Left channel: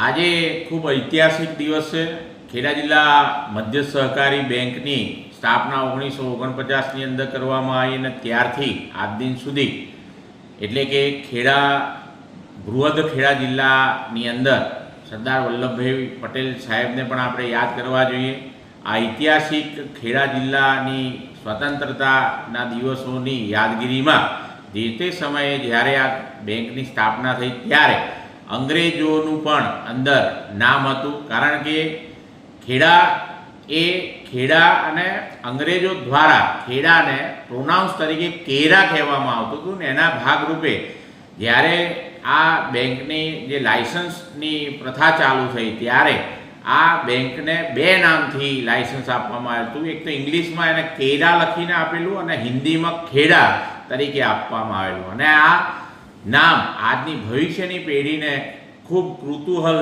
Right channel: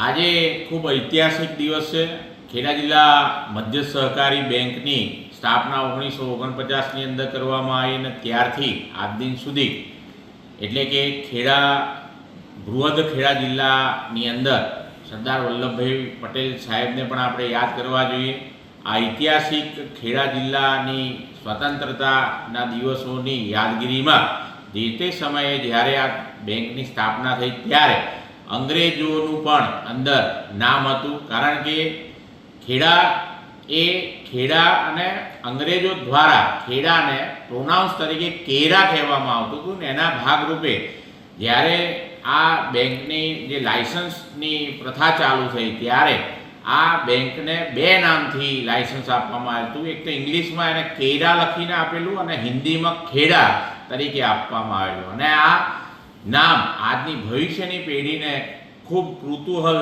આજે ખૂબ ઐતિહાસિક દિવસ છે. ખેડા જિલ્લા મધ્ય સહકારી બેંકની સ્થાપના 1949ની અંદર કરવામાં આવી અને ત્યારથી આજ દિન સુધી એટલે કે બૃહદ ખેડા જિલ્લાની અંદર સરદાર વલ્લભભાઈ પટેલ સાહેબને પણ આપણે યાદ કરવા જોઈએ. આ ઐતિહાસિક ખેડા જિલ્લાની સ્વતંત્રતાના દિવસોની યાદગીરીમાં જે તે સમયે જ્યારે આ બેંકની સ્થાપના થઈ ત્યારે અંગ્રેજોનું પણ અંદર નામ હતું, કારણ કે ખેડા અને અંગ્રેજો દ્વારા ખેડાને પ્રોનાઉન્સ તરીકે કેરા કહેવામાં આવતું હતું ને એના ભાગરૂપે જ્યારે આ બેંકની જે લાયસન્સની પ્રથા ચાલુ થઈ ત્યારે આ બેંકને બે નામથી લાયસન્સ આપવામાં આવ્યું હતું. એક તો ઇંગ્લિશમાં એને કેરા લખીને આપેલું અને હિન્દીમાં ખેડા તરીકે આપવામાં આવેલું. અને આ નામ આજની ભવિષ્યની પેઢીને ખૂબ કૃતૂહલ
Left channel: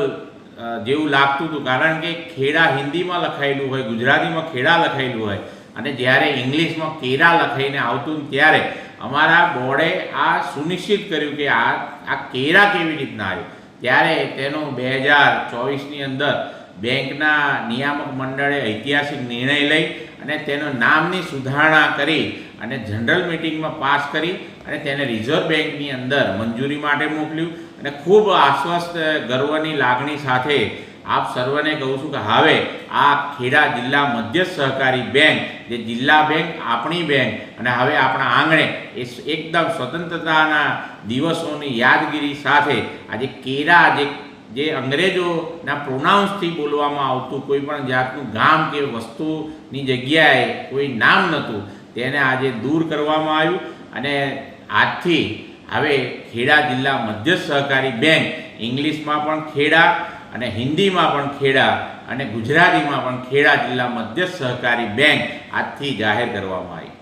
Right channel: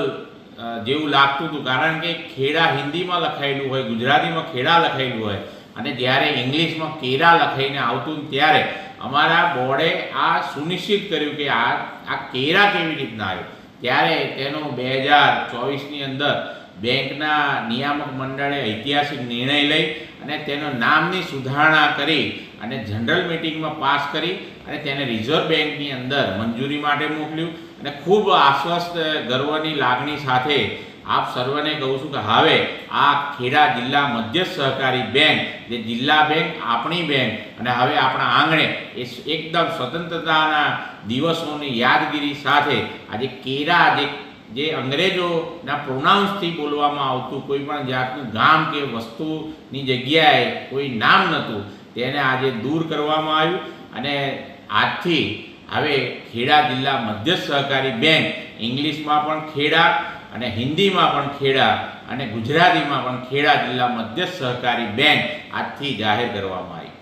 જેવું લાગતું હતું, કારણ કે ખેડા હિન્દીમાં લખાયેલું હોય, ગુજરાતીમાં ખેડા લખાયેલું હોય અને જ્યારે ઇંગ્લિશમાં કેરા લખાઈને આવતું ત્યારે અમારા બોર્ડે આ સુનિશ્ચિત કર્યું કે આ કેરા કેવી રીતના આવ્યું. ત્યારે તેનો 2024ની અંદર બેંકના નિયામક મંડળે ઐતિહાસિક નિર્ણય લઈ અને તેનો નામની સુધારણા કરી અને જનરલ મિટિંગમાં પાસ કરી અને તેને રિઝર્વ બેંકની અંદર મંજૂરી માટે મોકલ્યું. અને ખૂબ આશ્વસ્ત ગર્વની લાગણી સાથે આપ સર્વને કહું છું કે હવે આ ખેડા જિલ્લા મધ્ય સહકારી બેંક જે જિલ્લા બેંક આપણી બેંક અને હવે આપણા આંગણે એ એકદમ સ્વતંત્રતાના દિવસોની યાદગીરી સાથે આજે કેરા જે અંગ્રેજોના પ્રોનાઉન્સથી બોલવામાં આવતું, કોઈ પણ જાતનું ગામ કે વસ્તુની જગ્યાએ કોઈ નામ નહોતું, તેને આજે દૂર કરવામાં આવ્યું. અને આજથી હવે ખેડા જિલ્લા મધ્ય સહકારી બેંક ઇંગ્લિશમાં પણ ખેડા અને હિન્દીમાં પણ ખેડા અને ગુજરાતીમાં પણ ખેડા જિલ્લા મધ્ય સહકારી બેંક આજથી જાહેર કરવામાં આવી.